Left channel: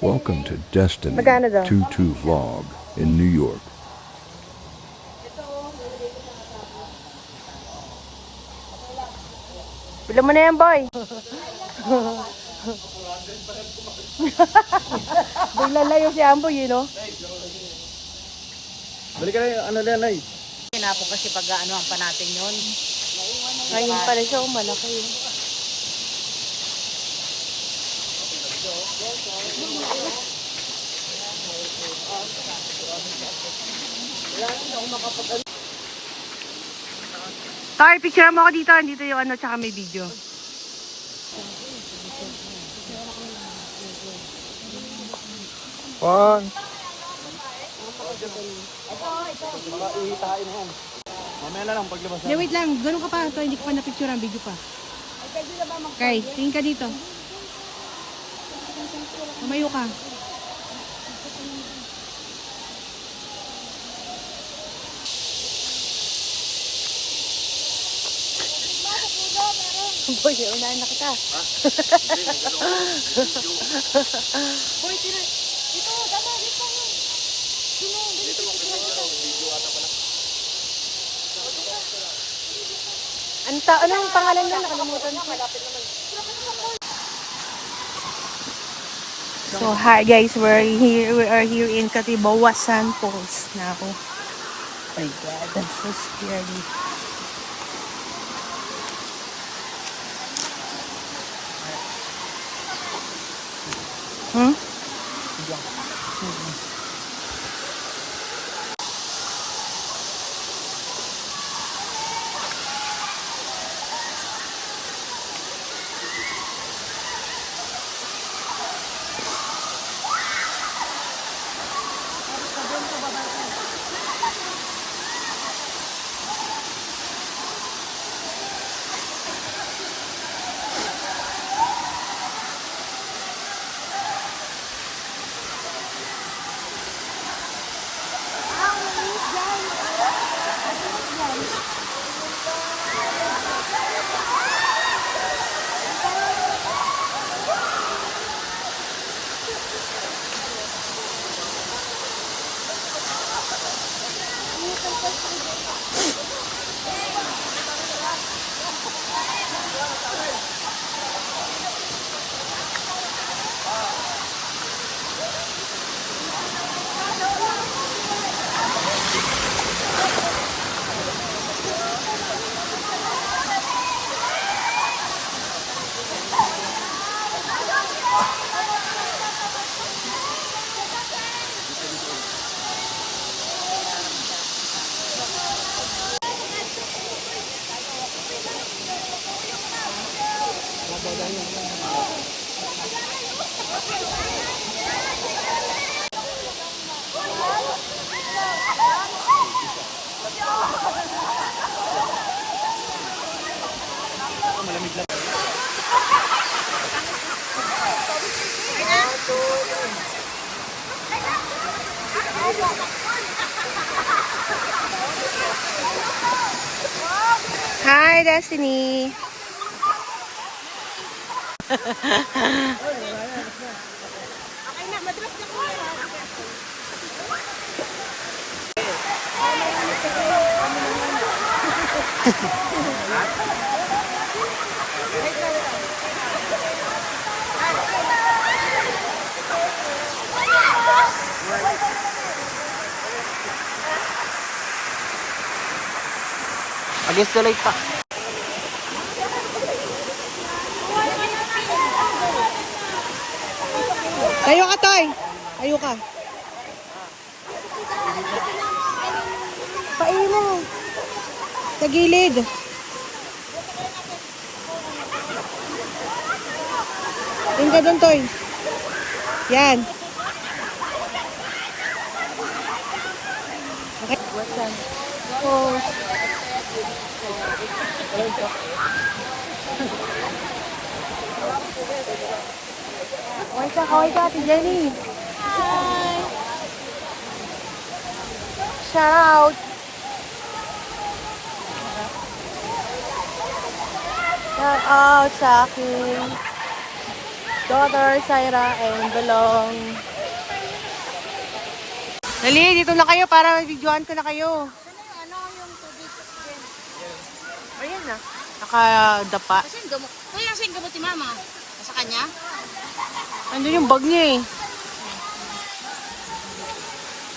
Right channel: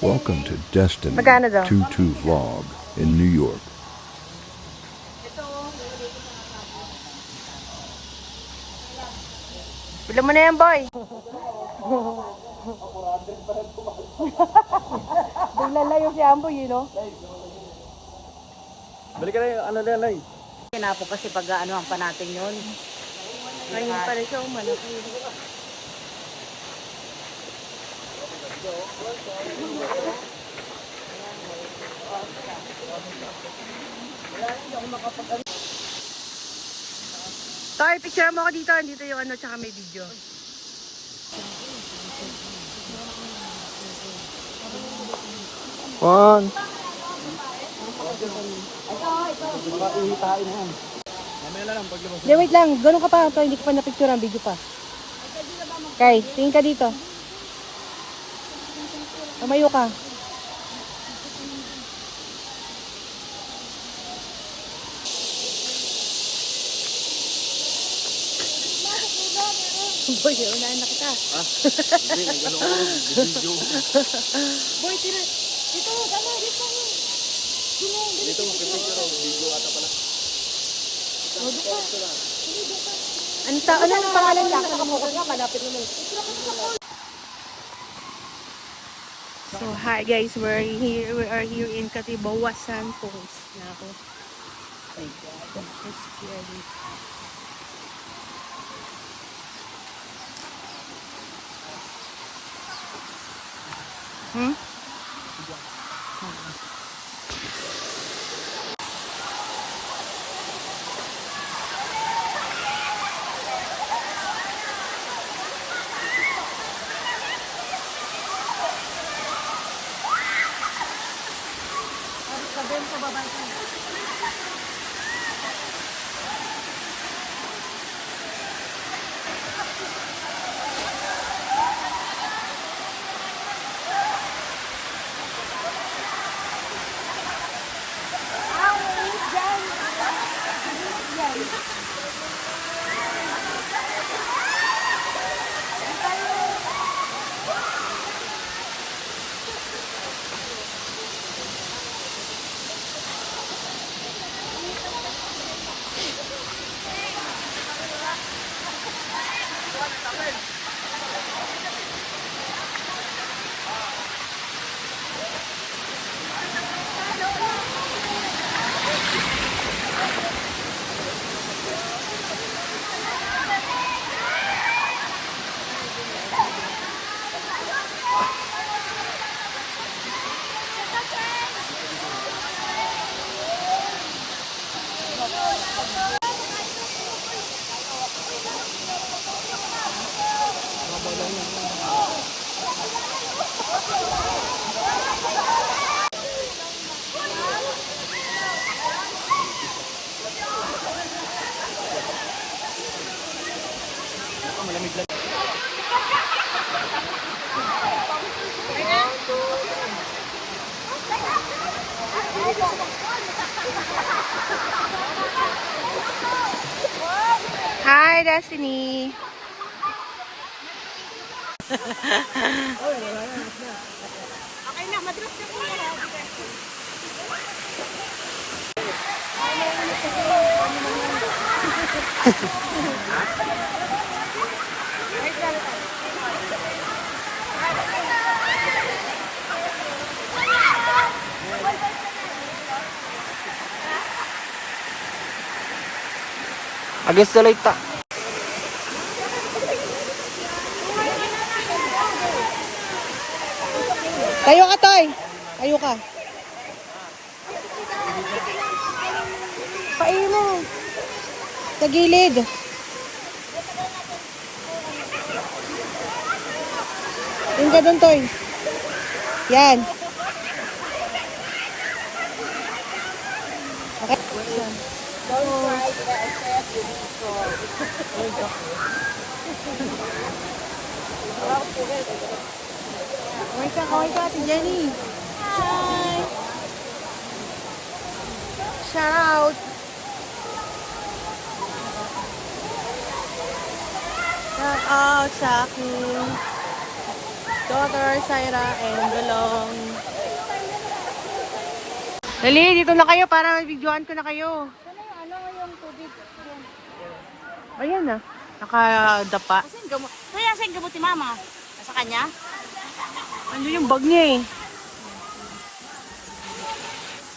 Welcome to Destiny Magkano daw? 22 Vlog in New York. Bila mo na yan, boy. Bigla layo si Amboy, you know? Balik ka na yung ano na yan, ay. Sinapo kasi pag-aanohan pa natin yun. Ngayon pa rin siya, malaki yun. Tay, picture mo ako dito. Andito yung ano, tsaka may video. One. Mamaya na lang paglabas. Hindi, wait lang. Ganun ka pa. Ito, hindi ko pa na-picture ang video pa. Kay, tingin ka dito. Tumayo ka. Boy, unahin na kita. Hindi, gano'n ako. Video. Boy, tira. Dito, dala, dito. Dito mo, pipicture ako. Video ata pala. Anong pangalan na nakalimutan ko? Malapit naman. So, hi guys. We are here in Katibawasan Falls. Now, oh my God, that's so scary. Hmm? Malamig lang. Hi, Destiny. Against the light pa. Tayo ka, Toy. Tayo ka. Pain mo. Sa gilid. Tingin ka doon, Toy. Yan. Okay. Oh. Kaway ka, si Jenny. Hi. Shout out. Shout out sa aking daughter, Syra, and Belong. Dali, dito na kayo para videoan ko na kayo. Ano yung tubig? Ayan na. Nakadapa. Kasi yung gamot. Kaya saan gamot ni Mama? Sa kanya? Andun yung bag niya eh.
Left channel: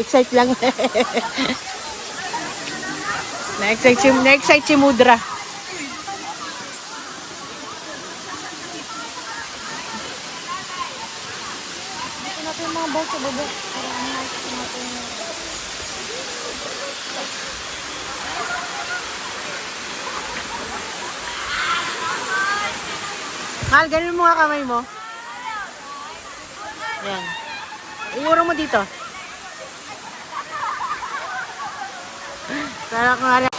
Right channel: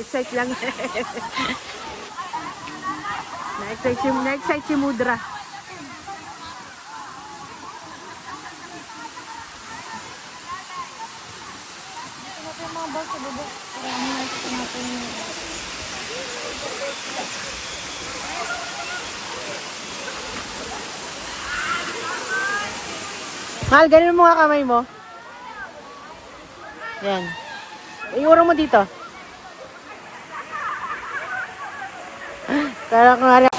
Excite lang. Na-excite si Mudra. Mahal, ganun mo nga kamay mo. Yan. Iurong mo dito. Para kung nga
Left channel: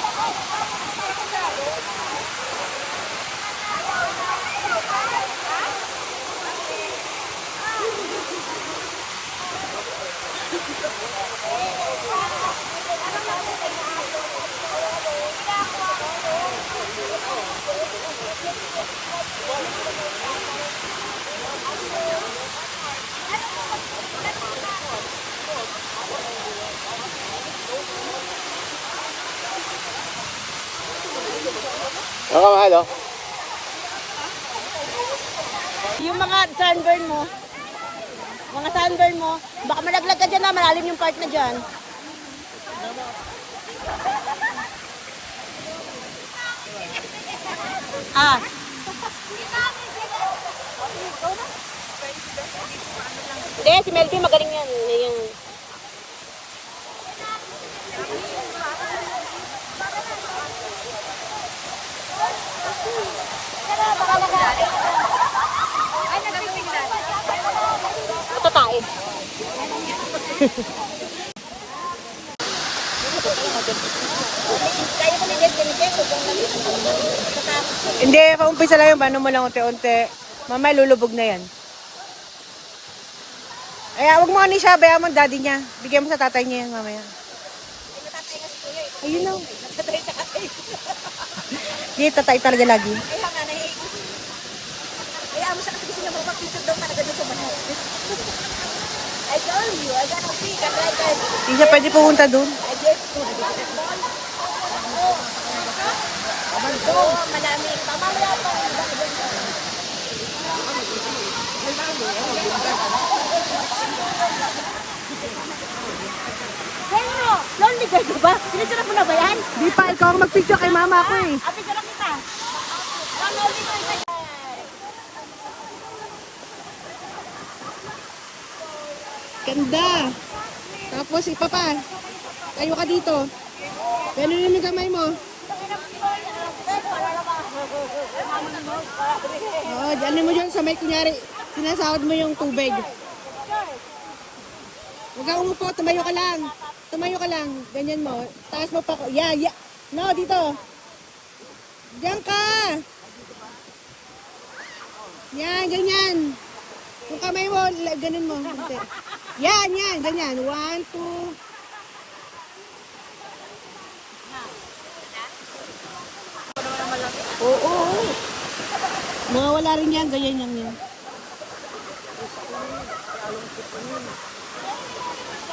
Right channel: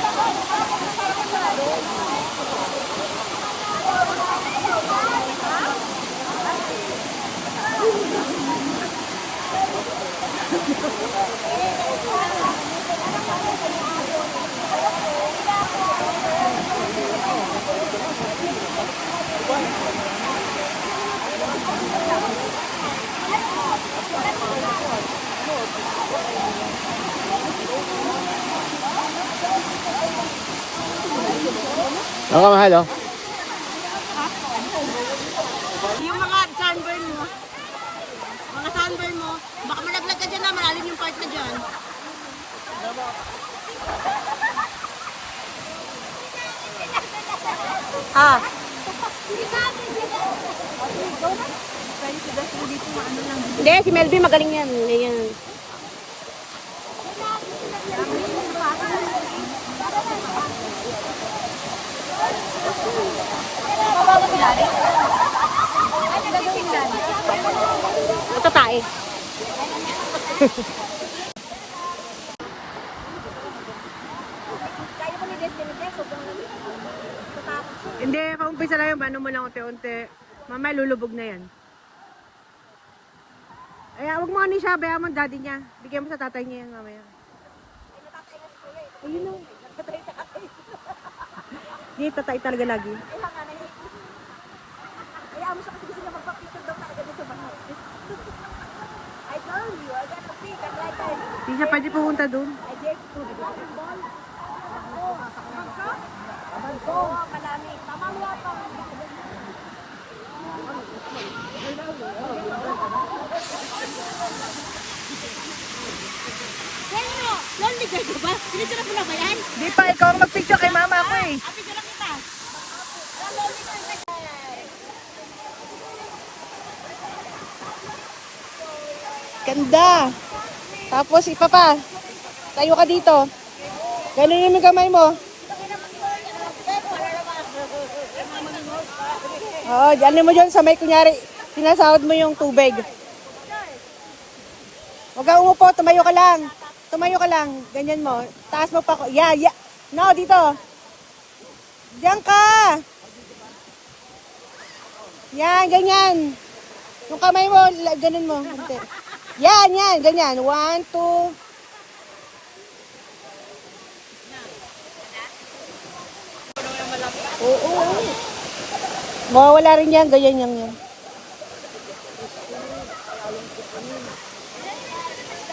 Ano mahal, oh? Yung mga sunburn mo, baka malaglag ka dyan na, malalim yung part na dyan. Ah. Hindi, si Melvin magaling yan. Hindi yan. Tatain. Kaya ko ni Jess, hindi, paumpisa lang yung paano mo lang unti-unti. Mamaya lulubog na yan. Ay, wag mo ano siya, bayaan mo ang daddy niya. Bigyan mo sa tatay niya yan mamaya. Ayun na. Hindi, tatay talaga lagi. I told you, I gotta see, Hindi siya pwede pumunta dun. malamig. Mama, wala pa. Hello! Lonely girl ka ba? Sinasarap mo na ba yan? Di pa, ikaw ang mag-picture kay mama ako eh. Api ka lang kita. Lonely girl ka yan. Ganda. Tapos ipa pa. Tayo ka dito. Ganunin mo yung kamay mo. Oo, dyan mo dyan sa may kunyari. Sinasahod mo yung tubig. Huwag kang umupo, tumayo ka lang. Tumayo ka lang. Ganyan mo. Taas mo pa. Yeah. No, dito. Diyan ka. Yan, ganyan. Yung kamay mo, ganun mo. Yan, ganyan. 1, 2. Oo. Mawawala rin yan, ganyan yan.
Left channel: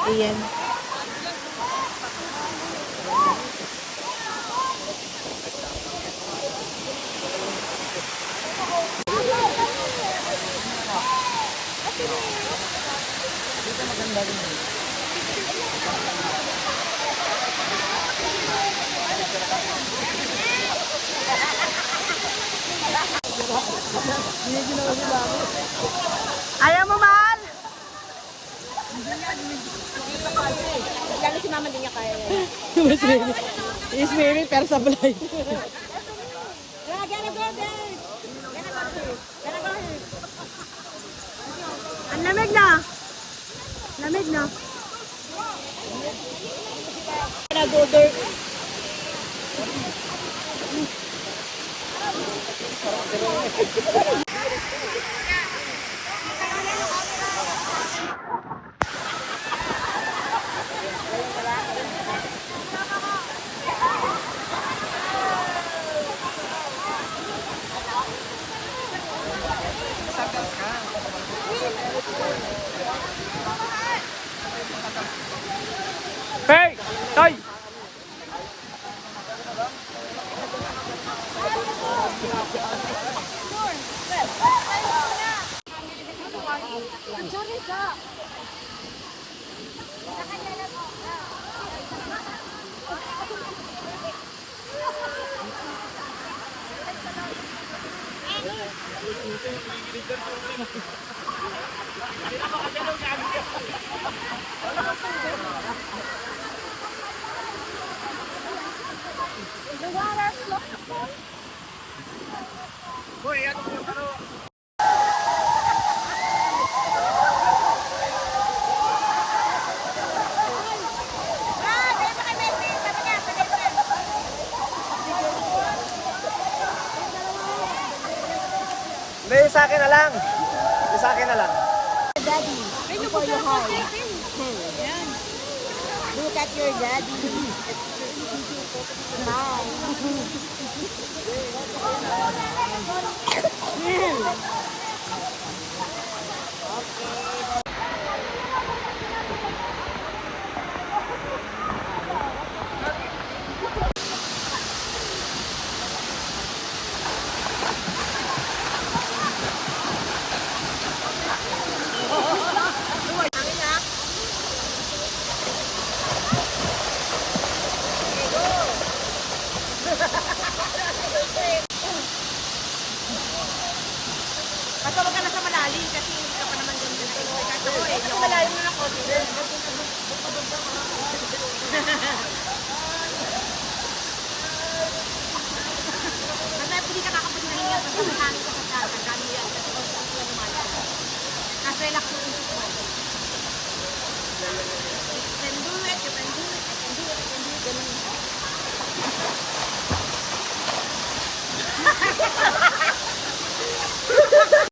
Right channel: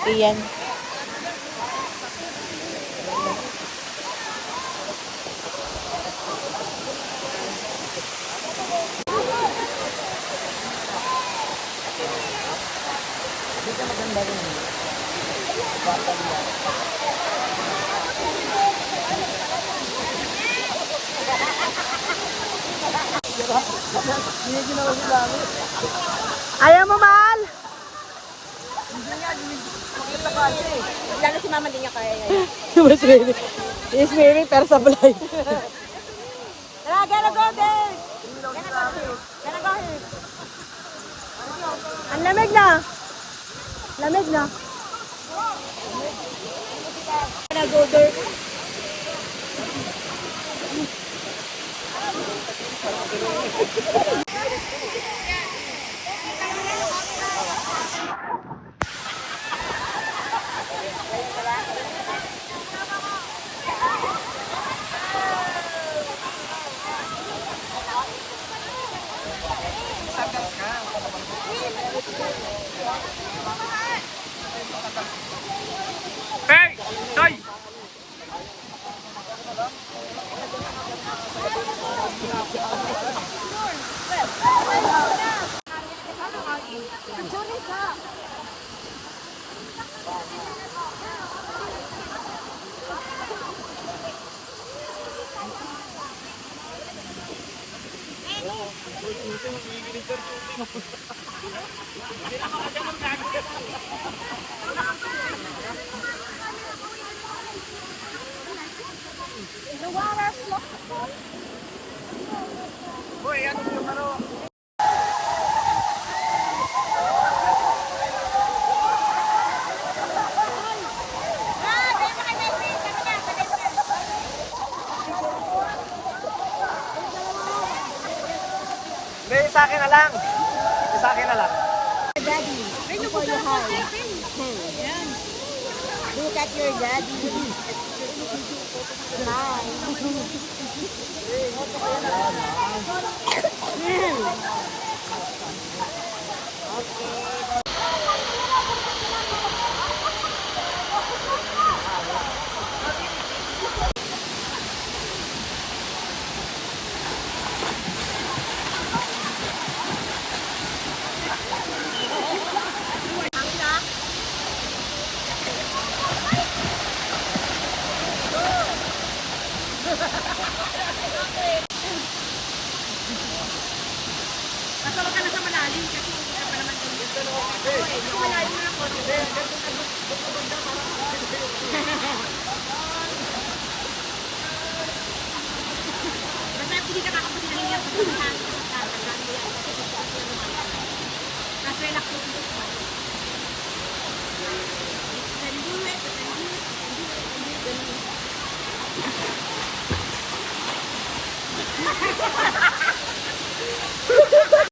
Iyan. Ayaw mo, mahal? Lalo si Mama din niya kaya. Is Mary, pero sablay. Gotta go there. Gotta go here. Ang lamig na. Lamig na. Gotta go there. The water flow. Hoy, ano yung ano? Ah, dahil pa kay Messi. Sabi niya, sabi niya. Hindi, sa akin na lang. Sa akin na lang. Daddy, before you hide. Look at your daddy. Basta wag ka na sa malalim kasi hindi ka pa naman ganun. Ito malalim na ako. Kasi hindi ka kakapusin na nila kasi may hangin ka sa tandaan mo yan. Kasi kung saan yung malalim. Tapos relax mo yung mo. You can do it, you can do it, you can do it, you can do it, ganun.